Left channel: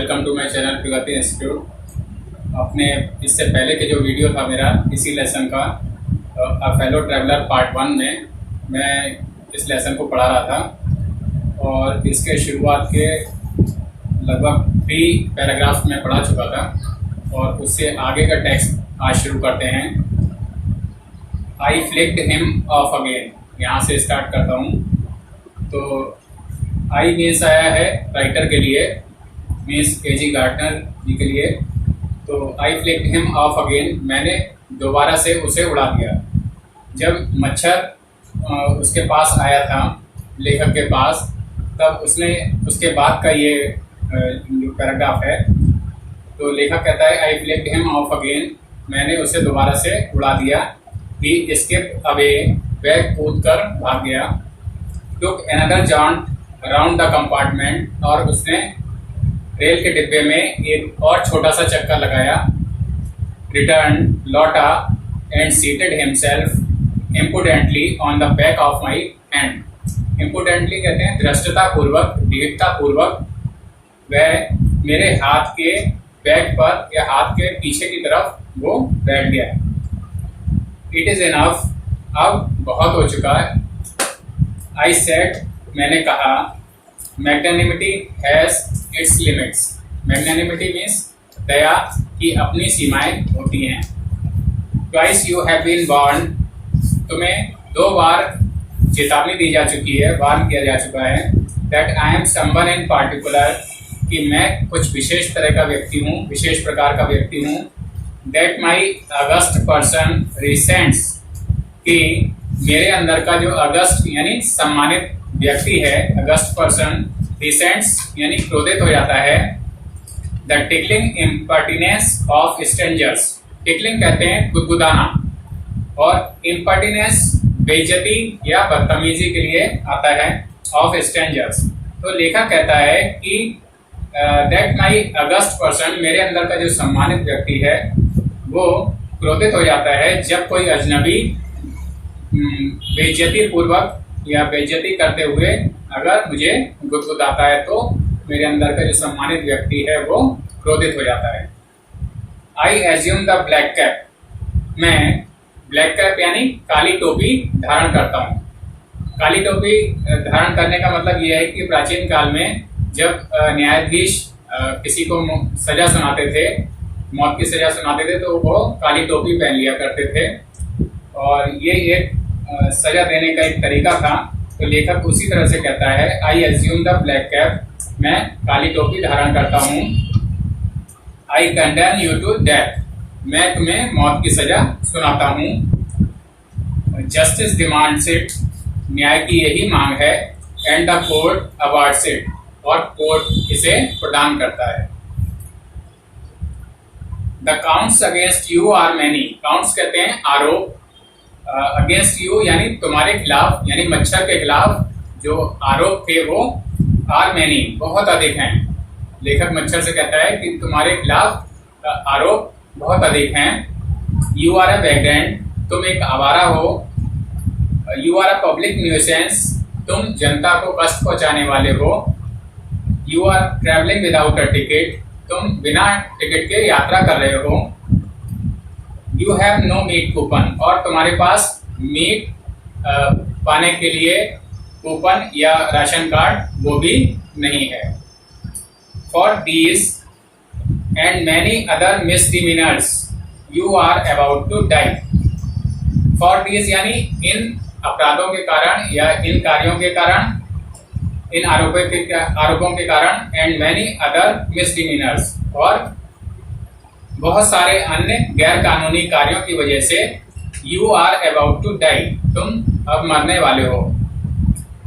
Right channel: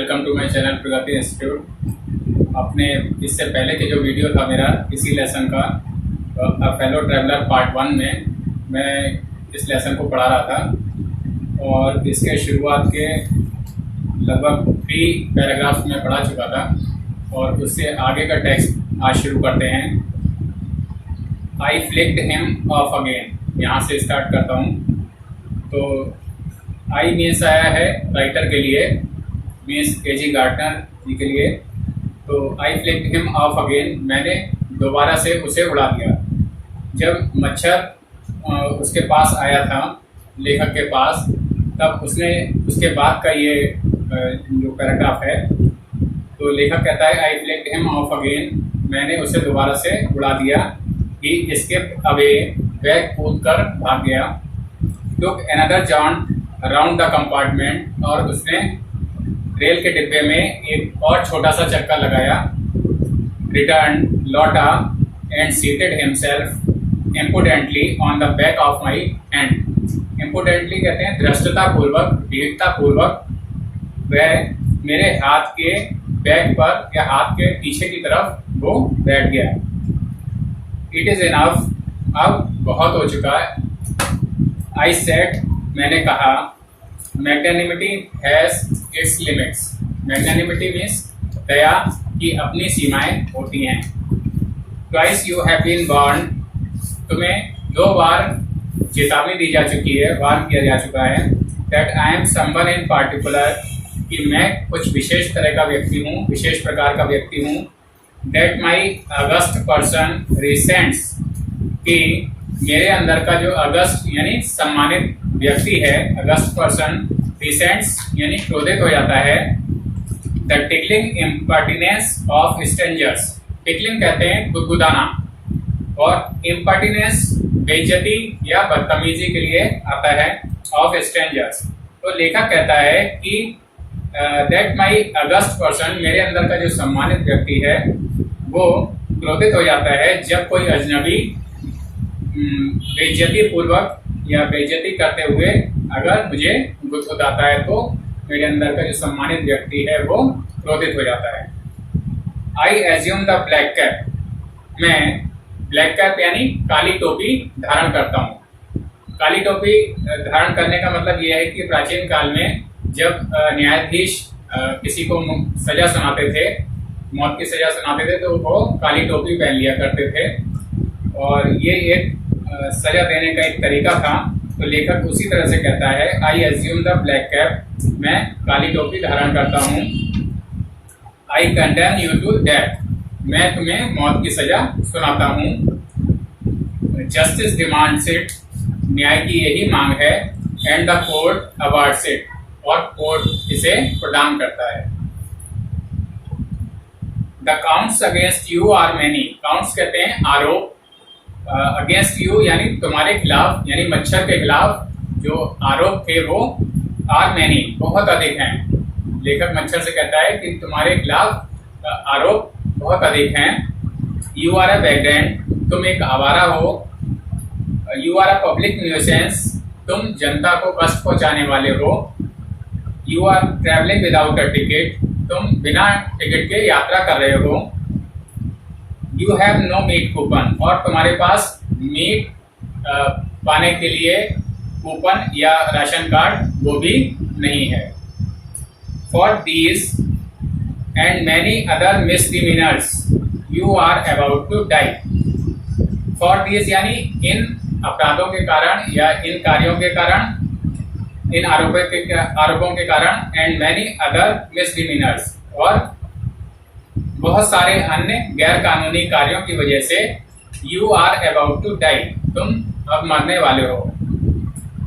Welcome to my channel Pragati Institute. अपने इससे पहले के जो वीडियो था मेरा इसी लेसन का अ फेलो ट्रैवलर पार्ट 1 में मैं इस लेसन को पढ़ा रहा था और इसके शुरुआत के लगभग 3 पैराग्राफ्स में पढ़ा चुका था और उससे आगे का टेक्स्ट आज शुरू करते हैं। आई फ्लिक्ड हिम ऑफ अगेन, यहाँ से स्टार्ट करता हूँ। तो आई मीन्स आया है राइटर के लिए, मीन्स एजी गार्टनर जी के लिए। तो आई फ्लिक्ड हिम ऑफ अगेन, मैंने दोबारा से उसे उड़ा दिया। जब मच्छर उसके पास आया था, लेखक के पास, तब उसने उसके बाद का ये जो पैराग्राफ है, तो लेखक कहता है आई फ्लिक्ड हिम ऑफ अगेन, मैंने उसे दोबारा से उड़ा दिया। ही एस्केप्ड अवे, वह कूद कर भाग गया। Took another joint around the compartment, और उसने रेल के डिब्बे में एक और छोटा सा चक्कर लगाया। रिटर्न, लौटा, and seated himself impudently on the back of my hand. Impudently कहते हैं धृष्टता पूर्वक, दृढ़ता पूर्वक वह मेरे हाथ के बैक पर या हाथ के पीछे की तरफ वो बैठ गया। इट इज़ इनफ, अब बहुत हो चुका है। आई सेड, मैंने कहा। Magnanimity has its limits, magnanimity means दया की अपनी सीमाएं होती हैं। Twice you have been warned, तुम्हें 2 बार चेतावनी दी जा चुकी है, वार्न किया जा चुका है। That I am someone in particular, कि मैं कुछ विशेष तरह का व्यक्ति हूँ, विशेष प्रकार का व्यक्ति हूँ। That my August person recents, कि मेरे अंदर का जो अगस्त यानी सम्मानित व्यक्ति है, अगस्त पर्सन रिसेंट्स यानी क्रोधित हो जाता है। The tickling impertinence of strangers, tickling कहते हैं गुदगुदाना, और इम्पर्टिनेंस बेइज्जती या बदतमीजी के लिए आता है, ऑफ स्ट्रेंजर्स। तो लेखक कहता है कि दैट माई अगस्त पर्सन, मेरे अंदर का जो सम्मानित व्यक्ति है वो क्रोधित हो जाता है जब कोई अजनबी बेइज्जती पूर्वक या बेइज्जती करते हुए अगर मुझे गुदगुदाता है, तो मेरे अंदर का जो सम्मानित व्यक्ति है वो क्रोधित हो जाता है। I assume the black cap, मैं ब्लैक कैप यानी काली टोपी धारण करता हूँ। काली टोपी धारण करने का मतलब ये है कि प्राचीन काल में जब न्यायाधीश किसी को सजा सुनाते थे, मौत की सजा सुनाते थे, तो वो काली टोपी पहन लिया करते थे और ये एक सजा देने का एक तरीका था। तो लेखक उसी तरह से कहता है I assume the black cap, मैं काली टोपी धारण करता हूँ। I condemn you to death, मैं तुम्हें मौत की सजा सुनाता हूँ। जस्टिस डिमांड्स इट, न्याय की यही मांग है। And the court awards it, और कोर्ट इसे प्रदान करता है। The counts against you are many, counts कहते हैं आरोप, अगेंस्ट यू यानी तुम्हारे खिलाफ, यानी मच्छर के खिलाफ जो आरोप थे वो आर मैनी, बहुत अधिक हैं। लेखक मच्छर से कहता है कि तुम्हारे खिलाफ आरोप बहुत अधिक हैं। यू आर अ वैग्रेंट, तुम एक आवारा हो। You are a public nuisance, तुम जनता को कष्ट पहुंचाने वाले हो। You are travelling without a ticket, तुम बिना टिकट के यात्रा कर रहे हो। You have no meat coupon, और तुम्हारे पास मीट पाने के लिए कूपन या राशन कार्ड वो भी नहीं है। For these and many other misdemeanours you are about to die. For these यानी इन अपराधों के कारण या इन कार्यों के कारण, इन आरोपों के कारण, एंड मैनी अदर मिसडिमीनर्स, और बहुत सारे अन्य गैर कानूनी कार्यों की वजह से you are about to die, तुम अब मरने वाले हो।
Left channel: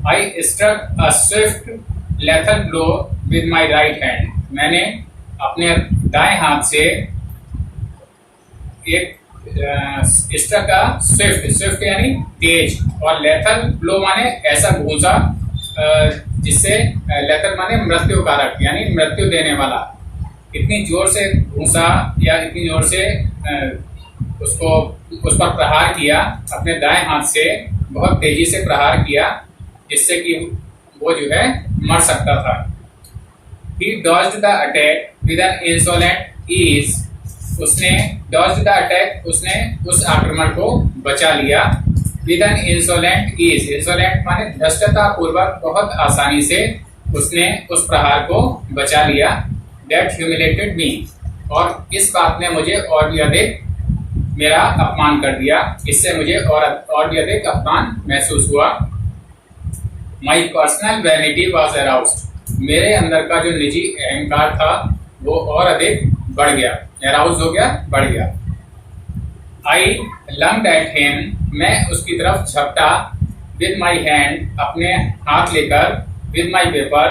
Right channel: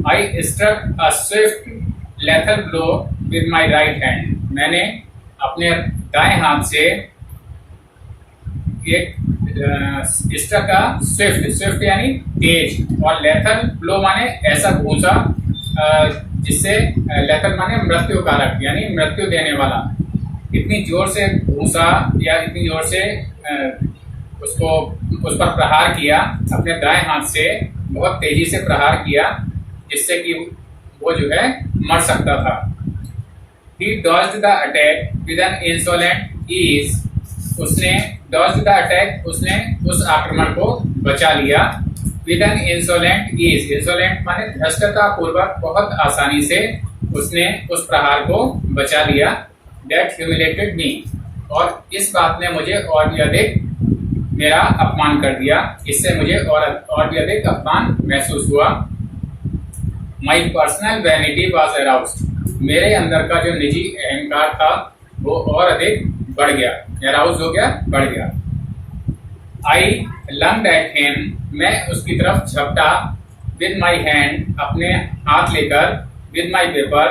I struck a swift lethal blow with my right hand, मैंने अपने दाएं हाथ से एक स्ट्रक का स्विफ्ट यानी तेज, और लेथल ब्लो माने ऐसा घूंसा जिससे, लेथल माने मृत्युकारक यानी मृत्यु देने वाला। इतनी जोर से घूंसा या इतनी जोर से उस पर प्रहार किया, अपने दाएं हाथ से बहुत तेजी से प्रहार किया जिससे कि वो जो है मर सकता था। He dodged the attack with an insolent ease. उसने dodged the attack, उसने उस आक्रमण को बचा लिया. With an insolent ease. Insolent माने धृष्टता पूर्वक बहुत आसानी से उसने उस प्रहार को बचा लिया. That humiliated me. और इस बात ने मुझे और भी अधिक मेरा अपमान कर दिया. इससे मुझे और भी अधिक अपमान महसूस हुआ. My personal vanity was aroused. मेरे अंदर का जो निजी अहंकार था वो और अधिक बढ़ गया. aroused हो गया, बढ़ गया. I lunged at him. मैं उसकी तरफ झपटा. With my hand. अपने हाथ लेकर. With my paper.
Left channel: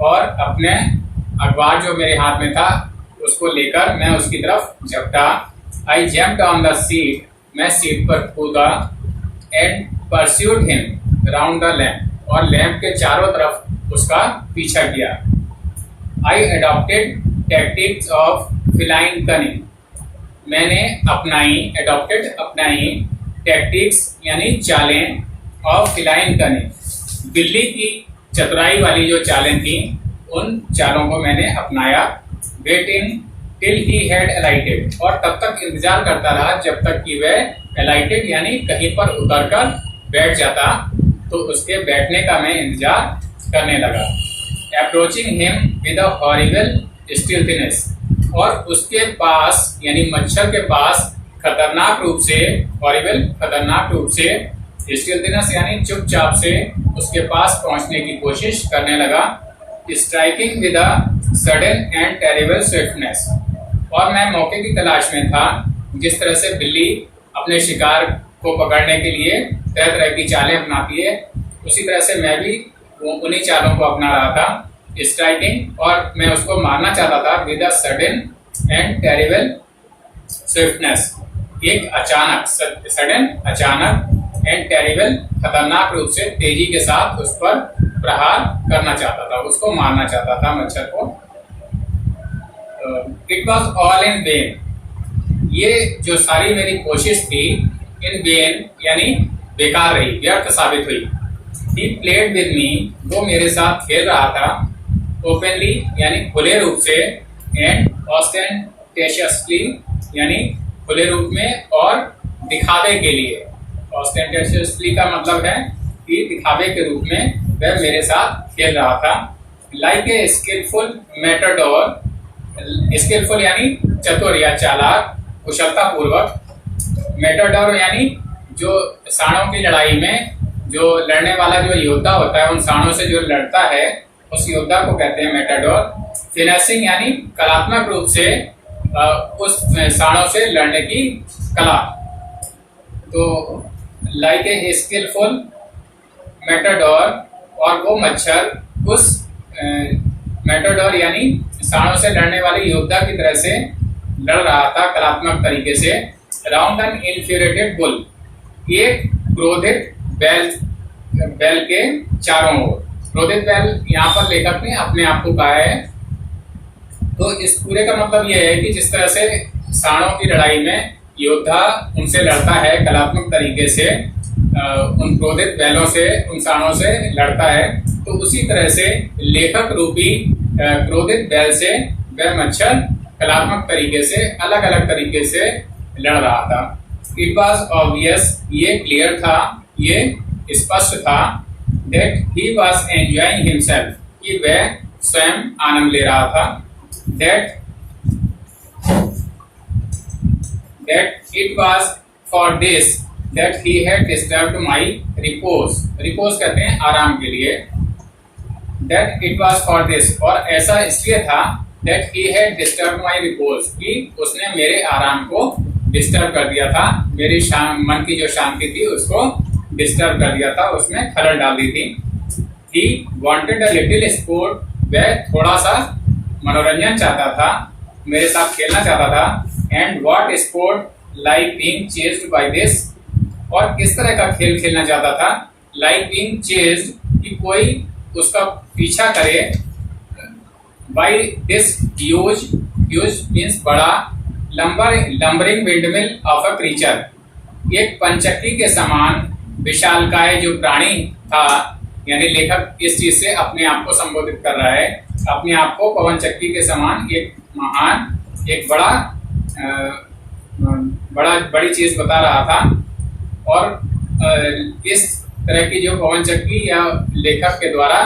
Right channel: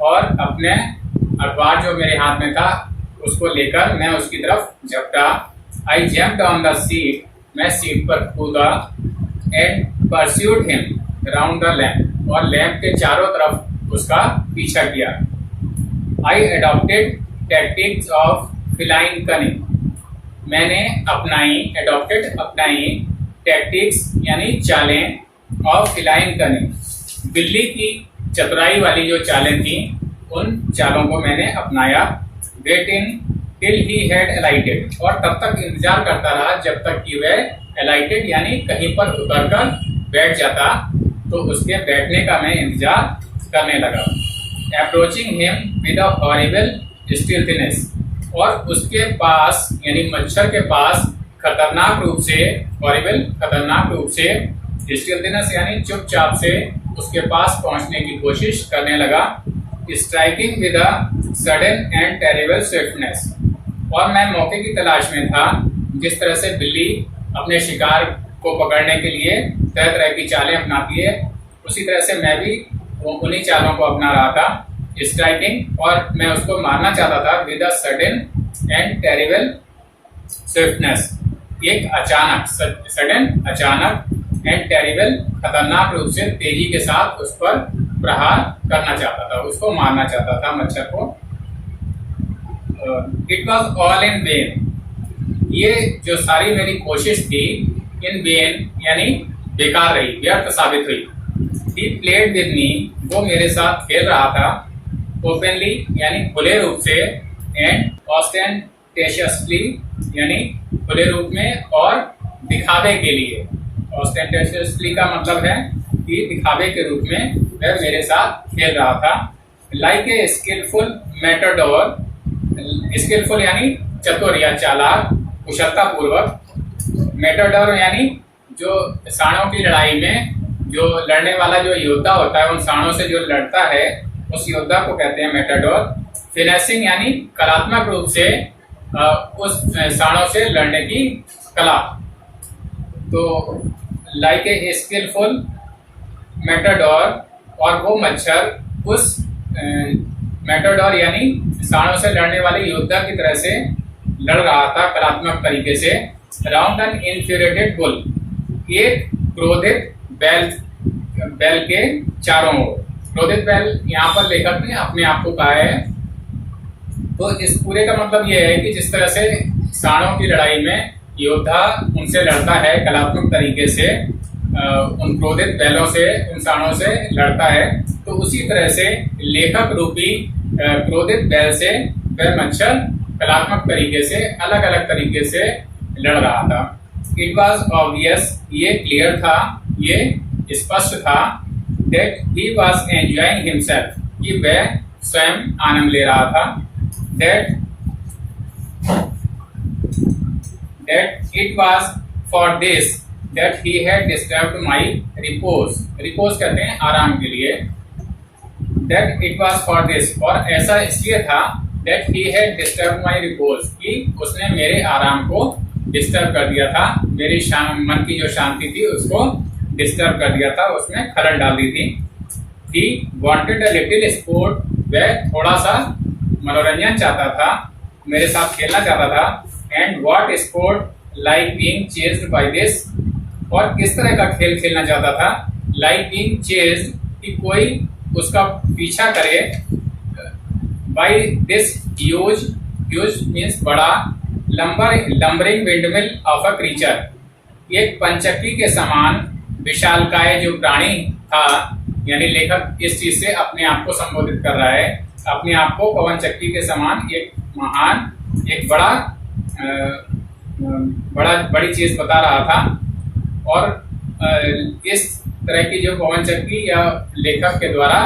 और अपने अखबार जो मेरे हाथ में था उसको लेकर मैं उसकी तरफ झपटा. I jumped on the seat. मैं सीट पर कूदा. And pursued him round the lamp. और लैंप के चारों तरफ उसका पीछा किया. I adopted tactics of feline cunning. मैंने अपनाई tactics यानी चालें of feline cunning. बिल्ली की चतुराई वाली जो चालें थी उन चालों को मैंने अपनाया. Waiting till he had alighted. और तब तक इंतजार करता रहा जब तक कि वह alighted यानी कहीं पर उतरकर बैठ जाता. तो उसके बैठने का मैं इंतजार करने लगा. Approaching him with a horrible stealthiness. और उसके पास यानी मच्छर के पास खतरनाक रूप से horrible खतरनाक रूप से stealthiness यानी चुपचाप से उसके पास पहुंचने की कोशिश करने लगा. Striking with a sudden and terrible swiftness. और मैं मौके की तलाश में था. जिस तरह से बिल्ली अपने शिकार को पकड़ने के लिए तरह तरह की चालें अपनाती है उसी तरह से मैं भी उन्हीं चालों को अपना रहा था. स्ट्राइकिंग और मैं उसको मारना चाहता था. With a sudden and terrible swiftness. एक अचानक सडन अचानक एंड टेरिबल खतरनाक रूप से तेजी के साथ उस पर प्रहार करना चाहता था. उसको मारना चाहता था मच्छर को. It was all in when. ये जो सारी मेरी कोशिश थी इन वेन यानी बेकार रही, व्यर्थ साबित हुई. He played with me. वो मेरे साथ खेल रहा था. Openly यानी खुले रूप से. And ostentatiously यानी खुले रूप में और दिखावे के लिए. Ostentatiously का मतलब है कि दिखावे के रूप में वह मेरे साथ खेल रहा था. Like a skillful matador. Skillful यानी चतुर या चालाक, कुशलता पूर्वक. मेटाडोर यानी जो साणों की लड़ाई में जो लड़ने वाला जो योद्धा होता है उन साणों से जो लड़ता है उस योद्धा को कहते हैं मेटाडोर. फिनिशिंग यानी कलात्मक रूप से उस साणों से लड़ने की कला. तो लाइक ए स्किलफुल मेटाडोर. और वो मच्छर उस मेटाडोर यानी साणों से लड़ने वाले योद्धा की तरह से लड़ रहा था कलात्मक तरीके से. Round an infuriated bull. एक क्रोधित बैल के चारों ओर. क्रोधित बैल यहाँ पर लेखक ने अपने आप को कहा है. तो इस पूरे का मतलब यह है कि जिस तरह से साणों की लड़ाई में योद्धा उनसे लड़ता है कलात्मक तरीके से, उन क्रोधित बैलों से उन साणों से लड़ता है, तो उसी तरह से लेखक रूपी क्रोधित बैल से वह मच्छर कलात्मक तरीके से अलग अलग तरीके से लड़ रहा था. It was obvious. ये क्लियर था, ये स्पष्ट था. That he was enjoying himself. कि वह स्वयं आनंद ले रहा था. That it was for this that he had disturbed my repose. Repose कहते हैं आराम के लिए. That it was for this. और ऐसा इसलिए था that he had disturb my repose. कि उसने मेरे आराम को डिस्टर्ब कर दिया था. मेरी मन की जो शांति थी उसको डिस्टर्ब कर दिया था, उसमें खलल डाल दी थी. He wanted a little sport. वह थोड़ा सा मनोरंजन चाहता था, मेरे साथ खेलना चाहता था. And what sport like being chased by this. और किस तरह का खेल खेलना चाहता था. लाइक बीइंग चेज्ड कि कोई उसका पीछा करे. बाय दिस ह्यूज मीन्स बड़ा. Lumbering windmill of a creature. एक पंचक्की के समान विशालकाय जो प्राणी था यानी लेखक इस चीज से अपने आप को संबोधित कर रहा है, अपने आप को पवन चक्की के समान एक महान, एक बड़ी चीज बता रहा था। और इस तरह की जो पवन चक्की या लेखक के द्वारा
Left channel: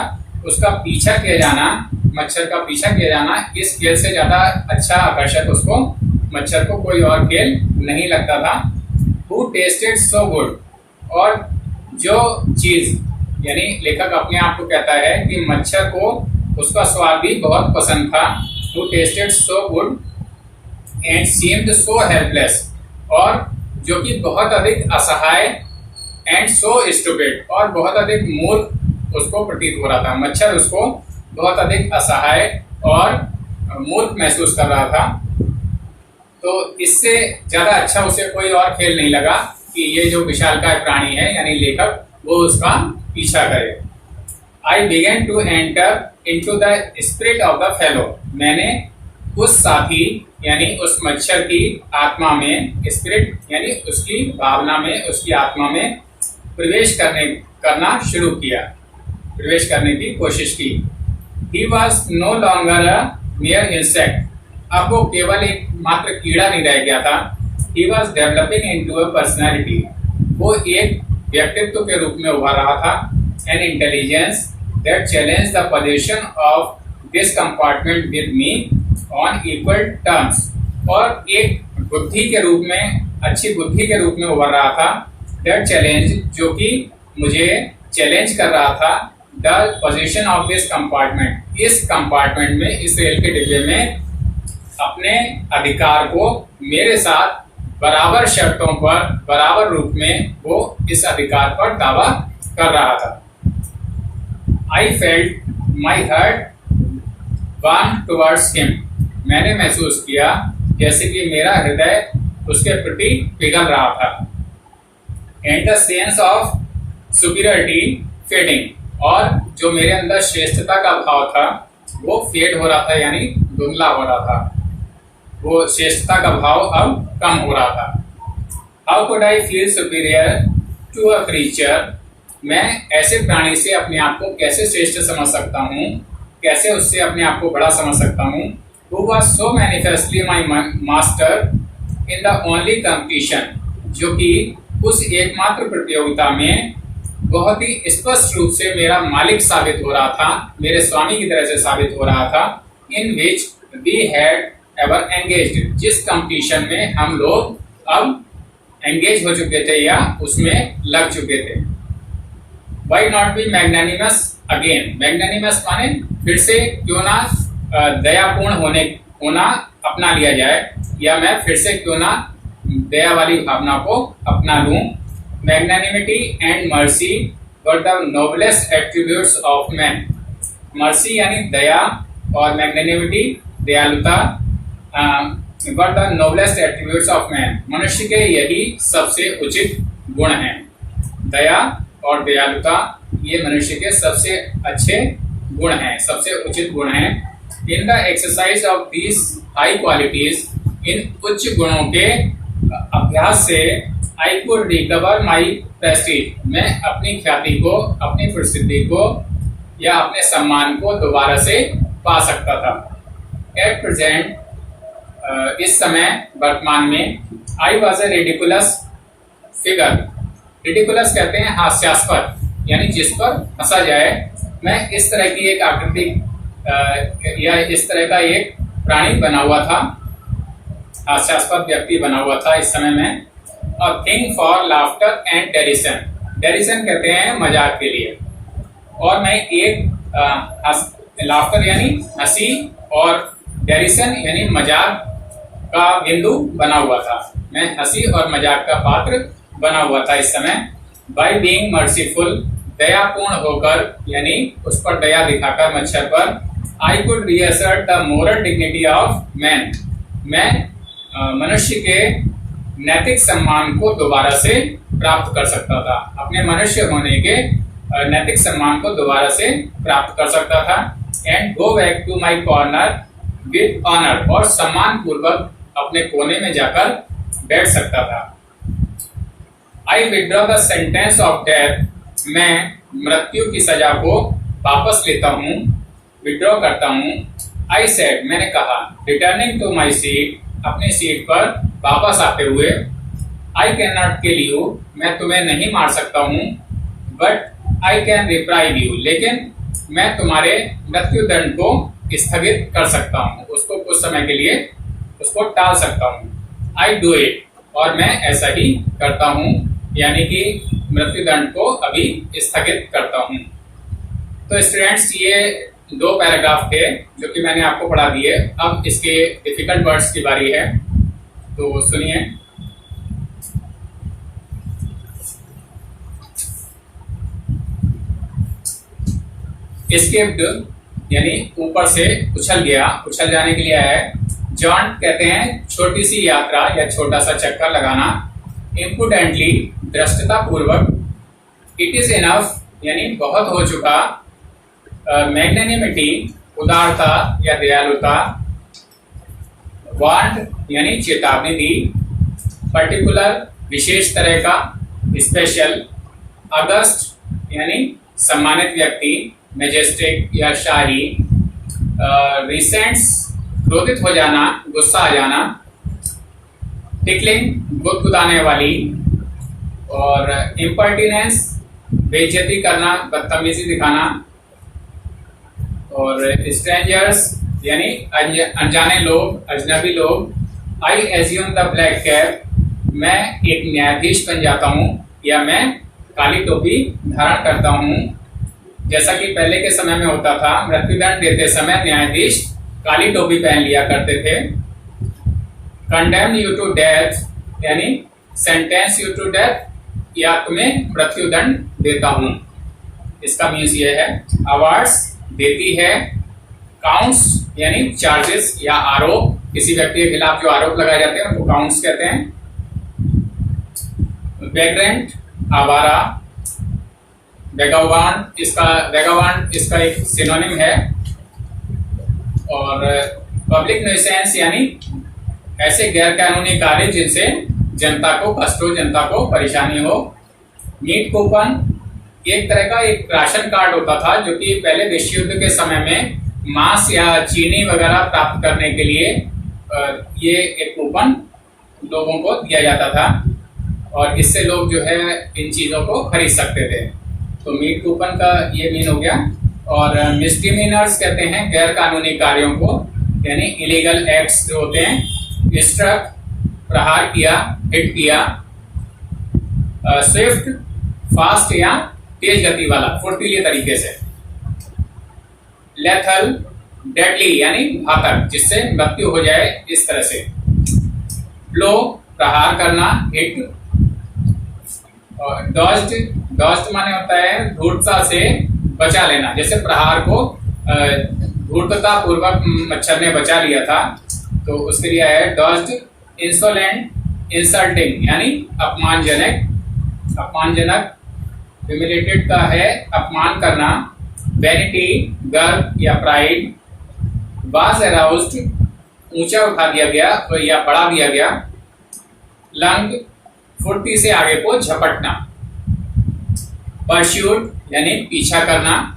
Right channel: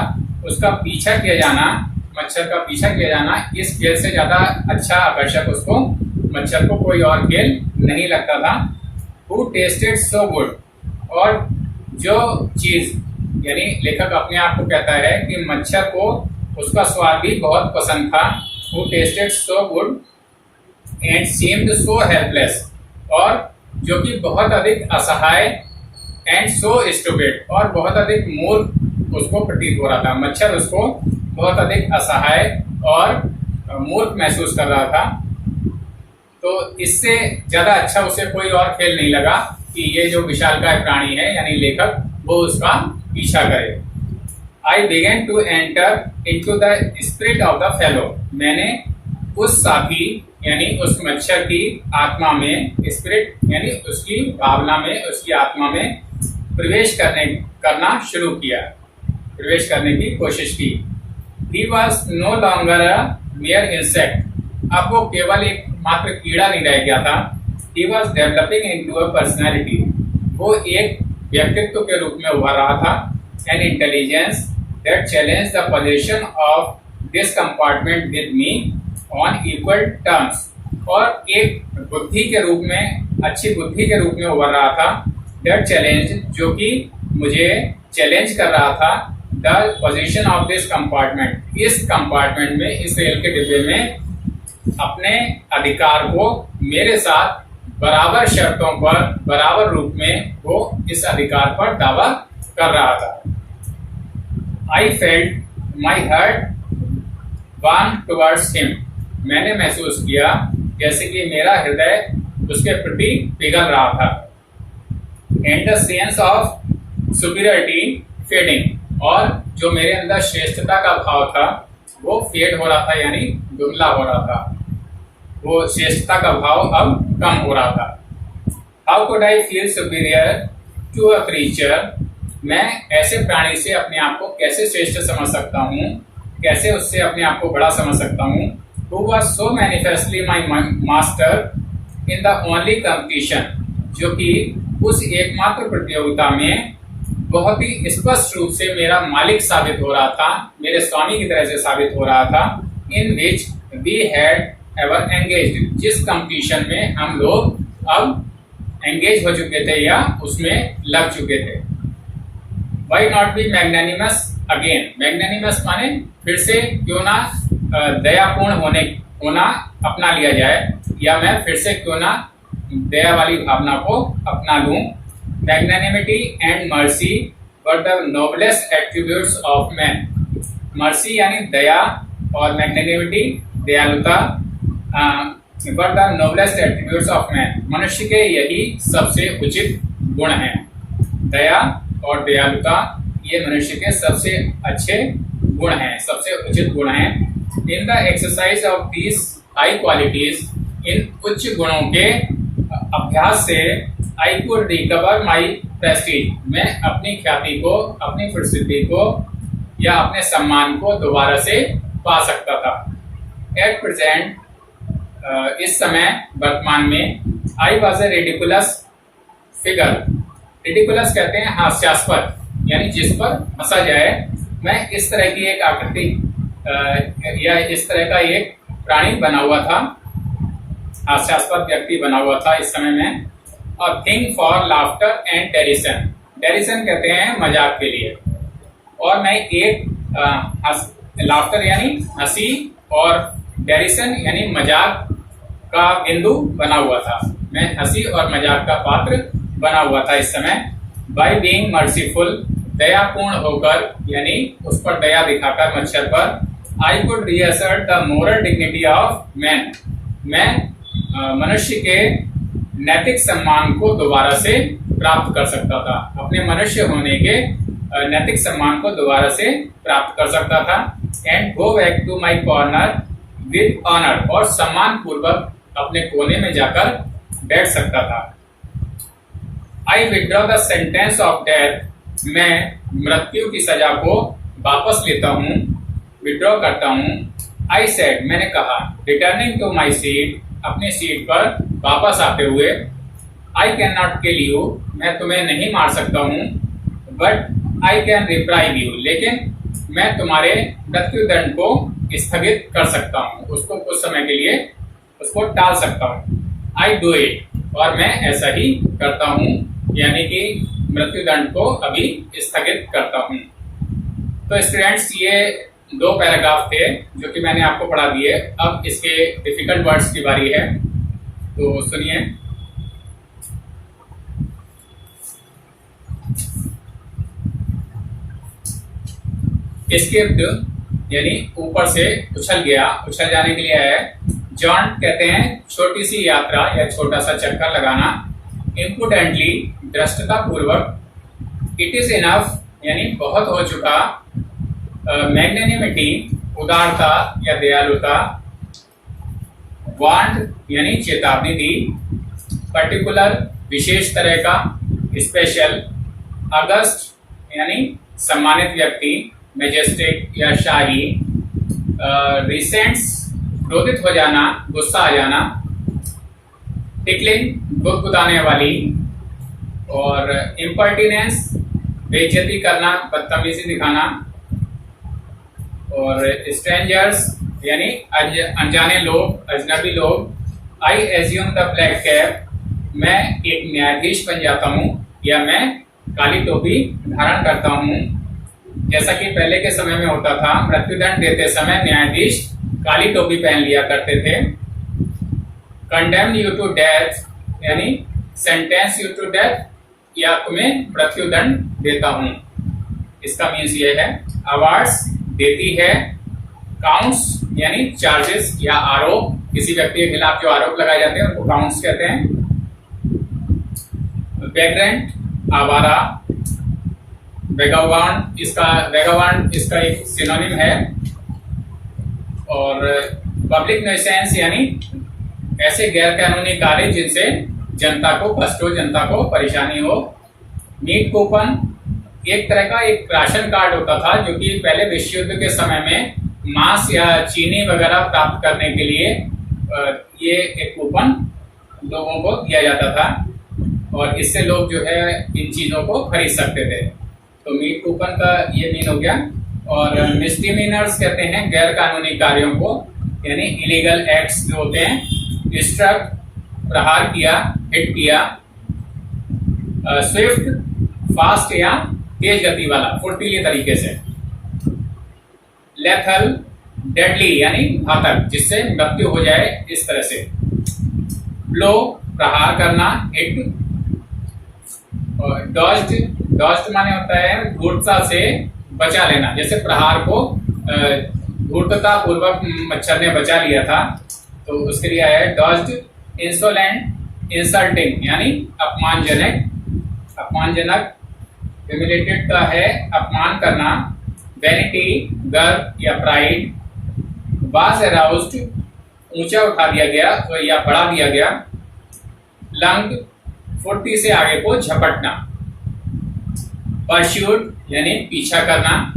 उसका पीछा किया जाना, मच्छर का पीछा किया जाना, इस खेल से ज्यादा अच्छा आकर्षक उसको मच्छर को कोई और खेल नहीं लगता था। Who tasted so good, और जो चीज, यानी लेखक अपने आप को कहता है कि मच्छर को उसका स्वाद भी बहुत पसंद था। Who tasted so good and seemed so helpless, और जो कि बहुत अधिक असहाय, and so stupid, और बहुत अधिक मूर्ख उसको प्रतीत हो रहा था। मच्छर उसको बहुत अधिक असहाय और मूर्ख महसूस कर रहा था। तो इससे ज्यादा अच्छा उसे कोई और खेल नहीं लगा कि ये जो विशालकाय प्राणी है यानी लेखक, वो उसका पीछा करे। I began to enter into the spirit of the fellow, मैंने उस साथी यानी उस मच्छर की आत्मा में, स्पिरिट यानी उसकी भावना में, उसकी आत्मा में प्रवेश करना शुरू किया, प्रवेश करने की कोशिश की। He was no longer a mere insect, अब वो केवल एक मात्र कीड़ा नहीं रह गया था। He was developing into a personality, वो एक व्यक्तित्व के रूप में उभर रहा था। An intelligence that challenged the position of this compartment with me on equal terms, और एक बुद्धि के रूप में, अच्छी बुद्धि के रूप में उभर रहा था। That challenge, जो कि मुझे चैलेंज कर रहा था, the position of this compartment, इस कंपार्टमेंट में, इस रेल के डिब्बे में अपने अधिकार को मेरे साथ बराबर शर्तों पर, बराबर रूप में वो इस अधिकार पर दावा कर रहा था। I felt my heart warm towards him, मैंने महसूस किया जैसे कि मेरा हृदय उसके प्रति पिघल रहा था। And the sense of superiority fading, और जो मेरे अंदर श्रेष्ठता का भाव था वो फेड हो रहा था, यानी धुंधला हो रहा था। वो श्रेष्ठता का भाव अब कम हो रहा था। How could I feel superior to a creature, मैं ऐसे प्राणी से अपने आप को कैसे श्रेष्ठ समझ सकता हूँ, कैसे उससे अपने आप को बड़ा समझ सकता हूँ। Who was so manifestly my master in the only competition, जो कि उस एकमात्र प्रतियोगिता में बहुत ही स्पष्ट रूप से मेरा मालिक साबित हो रहा था, मेरे स्वामी की तरह से साबित हो रहा था। In which we had ever engaged, जिस कंपटीशन में हम लोग अब एंगेज हो चुके थे या उसमें लग चुके थे। Why not be magnanimous again, magnanimous माने फिर से क्यों ना दयापूर्ण होना अपना लिया जाए, या मैं फिर से क्यों ना दया वाली भावना को अपना लूं। Magnanimity and mercy were the noblest attributes of man, mercy यानी दया और मैग्नानिमिटी दयालुता were the noblest attributes of man, मनुष्य के यही सबसे उचित गुण हैं। दया और दयालुता ये मनुष्य के सबसे अच्छे गुण हैं, सबसे उचित गुण हैं। In the exercise of these high qualities, इन उच्च गुणों के अभ्यास से I could recover my prestige, मैं अपनी ख्याति को, अपनी प्रसिद्धि को या अपने सम्मान को दोबारा से पा सकता था। एट प्रेजेंट, इस समय वर्तमान में, I was a ridiculous figure, ridiculous कहते हैं हास्यास्पद, यानी जिस पर हंसा जाए। मैं इस तरह की एक आकृति या इस तरह का एक प्राणी बना हुआ था, हास्यास्पद व्यक्ति बना हुआ था इस समय में। और थिंग फॉर लाफ्टर एंड डेरिसन, डेरिसन कहते हैं मजाक के लिए, और मैं एक लाफ्टर यानी हंसी और डेरिसन यानी मजाक का बिंदु बना हुआ था, मैं हंसी और मजाक का पात्र बना हुआ था इस समय। बाय बीइंग मर्सीफुल, दयापूर्ण होकर यानी उस पर दया दिखाकर मच्छर पर, I could reassert the moral dignity of man, मैं मनुष्य के नैतिक सम्मान को दोबारा से प्राप्त कर सकता था, अपने मनुष्य होने के नैतिक सम्मान को दोबारा से प्राप्त कर सकता था। And go back to my corner with honour, और सम्मान पूर्वक अपने कोने में जाकर बैठ सकता था। आई withdraw the sentence of death, मैं मृत्यु की सजा को वापस लेता हूँ, विड्रॉ करता हूँ। आई सेड, मैंने कहा, रिटर्निंग टू माई सीट, अपनी सीट पर वापस आते हुए। I can not kill you, मैं तुम्हें नहीं मार सकता हूँ। But I can reprieve you, लेकिन मैं तुम्हारे मृत्युदंड को स्थगित कर सकता हूँ, उसको कुछ समय के लिए उसको टाल सकता हूँ। आई डू इट, और मैं ऐसा ही करता हूँ, यानी कि मृत्युदंड को अभी स्थगित करता हूँ। तो स्टूडेंट्स, ये 2 पैराग्राफ थे जो कि मैंने आपको पढ़ा दिए। अब इसके डिफिकल्ट वर्ड्स की बारी है, तो सुनिए। स्किप्ड यानी ऊपर से उछल गया, उछल जाने के लिए है। जॉन्ट कहते हैं छोटी सी यात्रा या छोटा सा चक्कर लगाना। इम्पुडेंटली, धृष्टता पूर्वक। इट इज इनफ यानी बहुत हो चुका। मैग्नेनिमिटी, उदारता या दयालुता। वार्न्ड यानी चेतावनी दी। पर्टिकुलर, विशेष तरह का। स्पेशल। अगस्ट यानी सम्मानित व्यक्ति। मैजेस्टिक या शाही। रिसेंट्स, क्रोधित हो जाना, गुस्सा आ जाना। टिकलिंग, गुदगुदाने वाली। और इम्पर्टिनेंस, बेइज्जती करना, बदतमीजी दिखाना। और स्ट्रेंजर्स यानी अनजाने लोग, अजनबी लोग। आई एज्यूम द ब्लैक कैप, मैं एक न्यायाधीश बन जाता हूँ या मैं काली टोपी धारण करता हूँ। जैसा कि पहले के समय में होता था, मृत्युदंड देते समय न्यायाधीश काली टोपी पहन लिया करते थे। कंडेम्न यू टू डेथ यानी सेंटेंस यू टू डेथ, या तुम्हें मृत्युदंड देता हूं, इसका मीन्स ये है। अवार्ड्स, देती है। काउंट्स यानी चार्जेस या आरोप, किसी व्यक्ति के खिलाफ जो आरोप लगाए जाते हैं उनको काउंट्स कहते हैं। वैग्रेंट, आवारा। वेगावांड इसका एक सिनोनिम है। और पब्लिक न्यूसेंस यानी ऐसे गैर कानूनी कार्य जिनसे जनता को कष्ट हो, जनता को परेशानी हो। मीट कूपन, एक तरह का एक राशन कार्ड होता था जो कि पहले विश्व युद्ध के समय में मांस या चीनी वगैरह प्राप्त करने के लिए ये एक कूपन लोगों को दिया जाता था, और इससे लोग जो है इन चीज़ों को खरीद सकते थे। तो मीट कूपन का ये मीन हो गया। और मिसडिमिनर्स कहते हैं गैर कानूनी कार्यों को, यानी इलीगल एक्ट्स जो होते हैं। स्ट्रक, प्रहार किया, हिट किया। स्विफ्ट, फास्ट या तेज गति वाला, फुर्तीले तरीके से। लेथल, डेडली यानी घातक, जिससे मृत्यु हो जाए, इस तरह से। ब्लो, प्रहार करना, हिट। और डॉज्ड माने होता है धूर्तता से बचा लेना, जैसे प्रहार को धूर्तता पूर्वक मच्छर ने बचा लिया था, तो उसके लिए है डॉज्ड। इंसोलेंट, इंसल्टिंग यानी अपमानजनक। ह्यूमिलेटेड का है अपमान करना। वैनिटी, गर्व या प्राइड। वाज अराउज्ड, ऊंचा उठा दिया गया या बढ़ा दिया गया। लंग, फुर्ती से आगे को झपटना। परस्यूड यानी पीछा करना।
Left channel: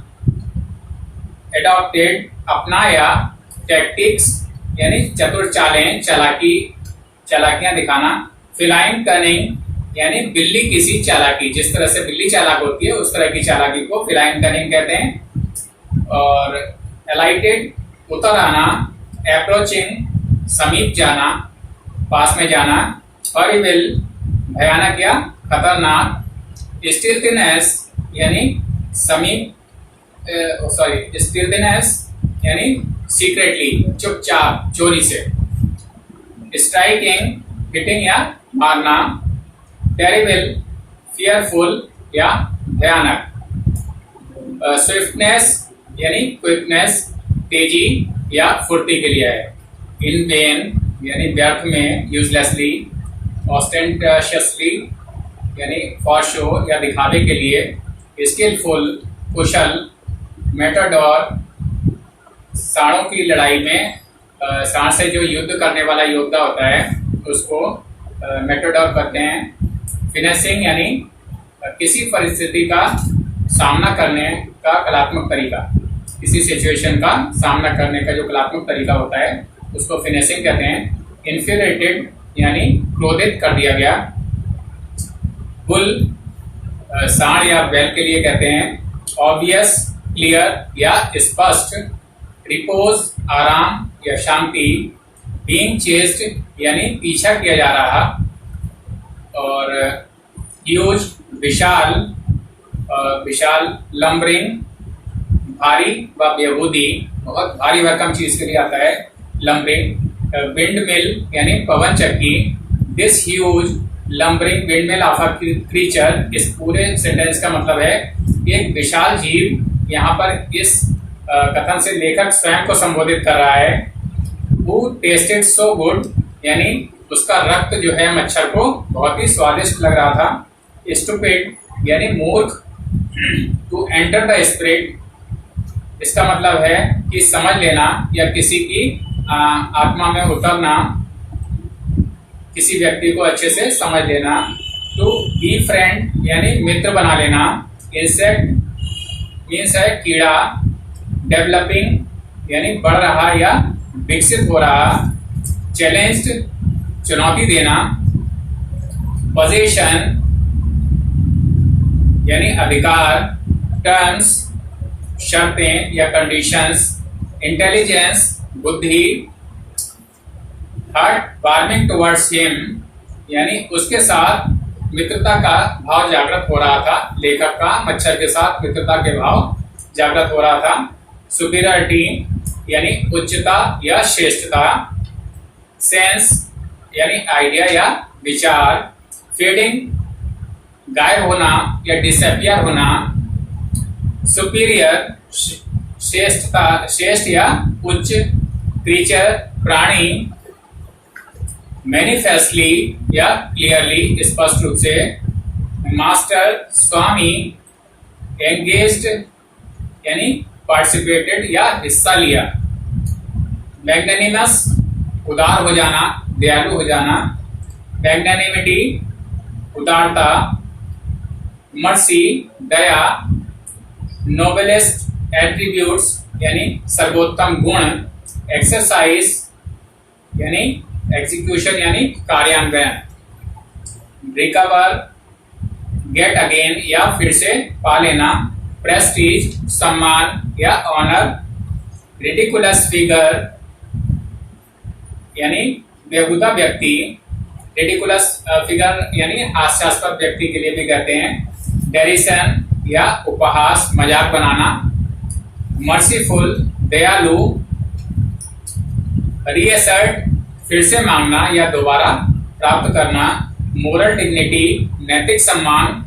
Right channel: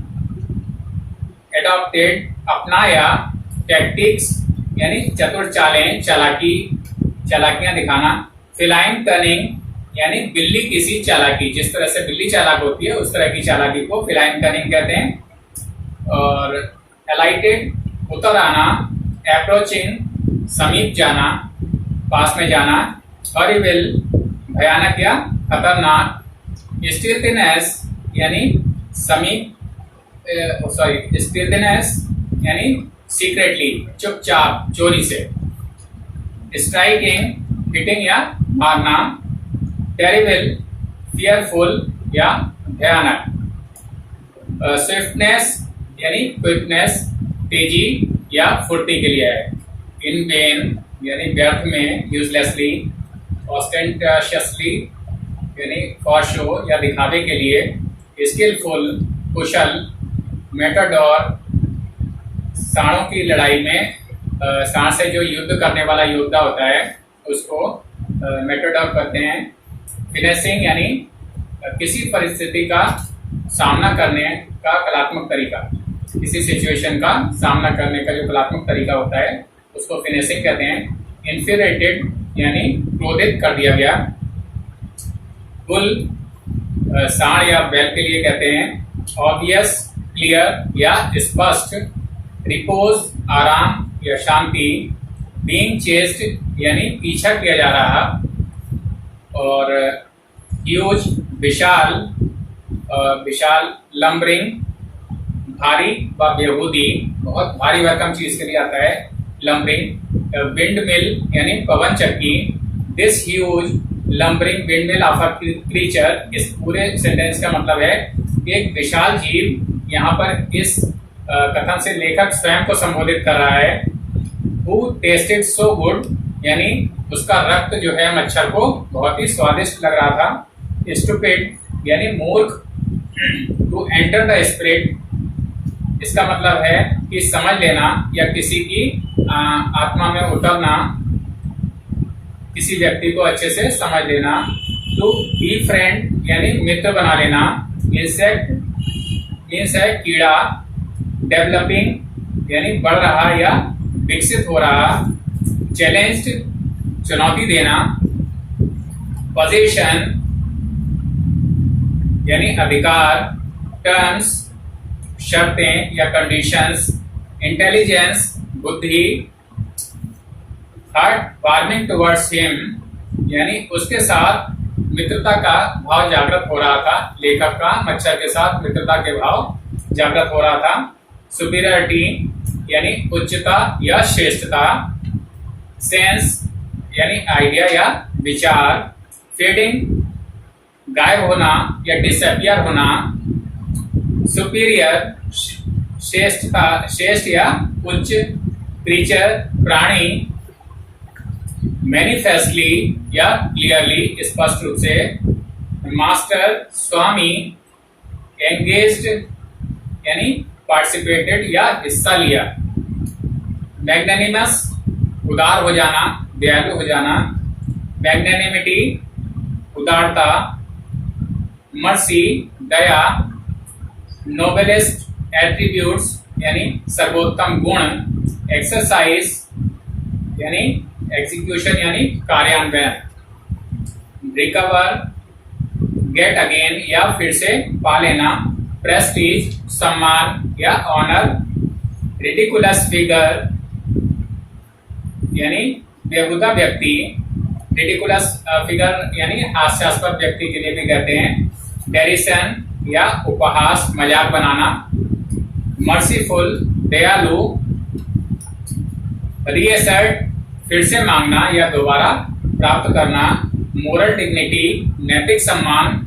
एडॉप्टेड, अपनाया। टैक्टिक्स यानी चतुर चालें, चालाकियां दिखाना। फिलाइन कनिंग यानी बिल्ली किसी चालाकी, जिस तरह से बिल्ली चालाक होती है उस तरह की चालाकी को फिलाइन कनिंग कहते हैं। और एलाइटेड, उतर आना। अप्रोचिंग, समीप जाना, पास में जाना। हॉरिबल, भयानक या खतरनाक। स्टिल्थनेस यानी स्टिल्थनेस यानी सीक्रेटली, चुपचाप, चोरी से। स्ट्राइकिंग, हिटिंग या मारना। टेरिबल, फियरफुल या भयानक। स्विफ्टनेस यानी क्विकनेस, तेजी या फुर्ती के लिए है। इन वेन यानी व्यर्थ में, यूजलेसली। ऑस्टेंटिशियसली यानी फॉर शो या दिखावे के लिए। स्किलफुल, कुशल। मेटाडोर, सांडों की लड़ाई में सांड से जो युद्ध करने वाला योद्धा होता है उसको मेटाडोर कहते हैं। फिनिशिंग यानी किसी परिस्थिति का सामना करने का कलात्मक तरीका, किसी सिचुएशन का सामना करने का जो कलात्मक तरीका होता है उसको फिनिशिंग कहते हैं। इन्फ्यूरेटेड यानी क्रोधित कर दिया गया। बुल सांड या बैल के लिए कहते हैं। ऑब्वियस क्लियर या स्पष्ट। रिपोज आराम या शांति। बीइंग चेस्ड यानी पीछा किया जा रहा। और ह्यूज विशाल, विशाल। लम्बरिंग भारी व बेहूदी, बहुत भारी भरकम चीज के लिए आता है लम्बरिंग। विंड मिल यानी पवन चक्की। This huge lumbering wind mill of a creature, इस पूरे सेंटेंस का मतलब है एक विशाल जीव। यहाँ पर इस कथन से लेखक स्वयं को संबोधित कर रहा है। Who tasted so good यानी उसका रक्त जो है मच्छर को बहुत ही स्वादिष्ट लग रहा था। Stupid यानी मूर्ख। To enter the spirit इसका मतलब है कि समझ लेना या किसी की आत्मा में उतरना, किसी व्यक्ति को अच्छे से समझ लेना। टू बी फ्रेंड यानी मित्र बना लेना। इंसेक्ट मीन्स है कीड़ा। डेवलपिंग यानी बढ़ रहा या विकसित हो रहा। चैलेंज्ड चुनौती देना। पोजीशन यानी अधिकार। टर्म्स शर्तें या कंडीशंस। इंटेलिजेंस बुद्धि। हार्ट वार्मिंग टुवर्ड्स हिम यानी उसके साथ मित्रता का भाव जागृत हो रहा था। लेखक का मच्छर के साथ मित्रता के भाव जागृत हो रहा था। सुपीरियरिटी यानी उच्चता या श्रेष्ठता। सेंस यानी आइडिया या विचार। फीडिंग गायब होना या डिसअपियर होना। सुपीरियर श्रेष्ठता, श्रेष्ठ या उच्च। क्रीचर प्राणी। मैनिफेस्टली या क्लियरली स्पष्ट रूप से। मास्टर स्वामी। एंगेज्ड यानी पार्टिसिपेटेड या हिस्सा लिया। मैग्नेनिमस उदार हो जाना, दयालु हो जाना। मैग्नेनिमिटी उदारता। मर्सी दया। नोबेलेस्ट एट्रीब्यूट्स यानी सर्वोत्तम गुण। एक्सरसाइज यानी एग्जीक्यूशन यानी कार्यान्वयन। रिकवर गेट अगेन या फिर से पा लेना। प्रेस्टीज सम्मान या ऑनर। रिडिकुलस फिगर यानी बेहुदा व्यक्ति। रिडिकुलस फिगर यानी हास्यास्पद व्यक्ति के लिए भी कहते हैं। डेरिसन या उपहास मजाक बनाना। मर्सीफुल दयालु। रीअसर्ट फिर से मांगना या दोबारा प्राप्त करना। मोरल डिग्निटी नैतिक सम्मान।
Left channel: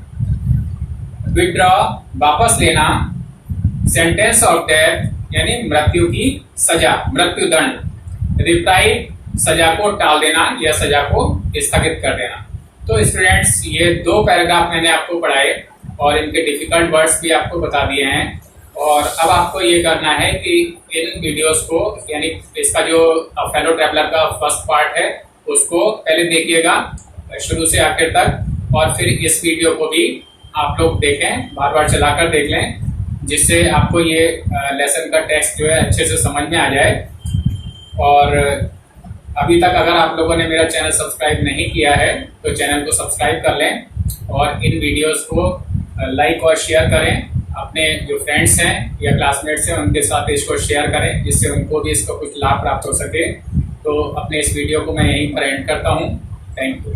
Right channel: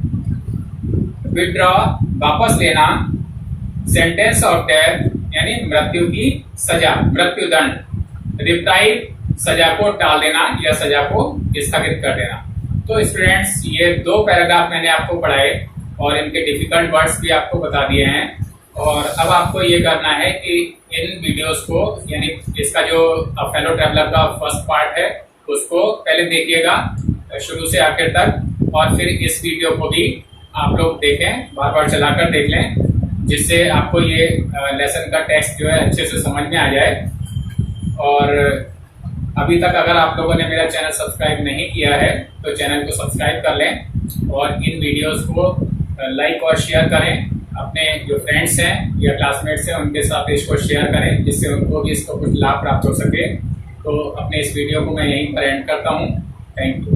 विड्रॉ वापस लेना। सेंटेंस ऑफ डेथ यानी मृत्यु की सजा, मृत्युदंड। रिप्राइव सजा को टाल देना या सजा को स्थगित कर देना। तो स्टूडेंट्स ये 2 पैराग्राफ मैंने आपको पढ़ाए और इनके डिफिकल्ट वर्ड्स भी आपको बता दिए हैं। और अब आपको ये करना है कि इन वीडियोस को यानी इसका जो फेलो ट्रैवलर का फर्स्ट पार्ट है उसको पहले देखिएगा शुरू से आखिर तक, और फिर इस वीडियो को भी आप लोग देखें, बार बार चलाकर देख लें, जिससे आपको ये लेसन का टेक्स्ट जो है अच्छे से समझ में आ जाए। और अभी तक अगर आप लोगों ने मेरा चैनल सब्सक्राइब नहीं किया है तो चैनल को सब्सक्राइब कर लें और इन वीडियोस को लाइक और शेयर करें। अपने जो फ्रेंड्स हैं या क्लासमेट्स हैं उनके साथ इसको शेयर करें, जिससे उनको भी इसका कुछ लाभ प्राप्त हो सके। तो अपने इस वीडियो को मैं यहीं पर एंड करता हूँ। Thank you.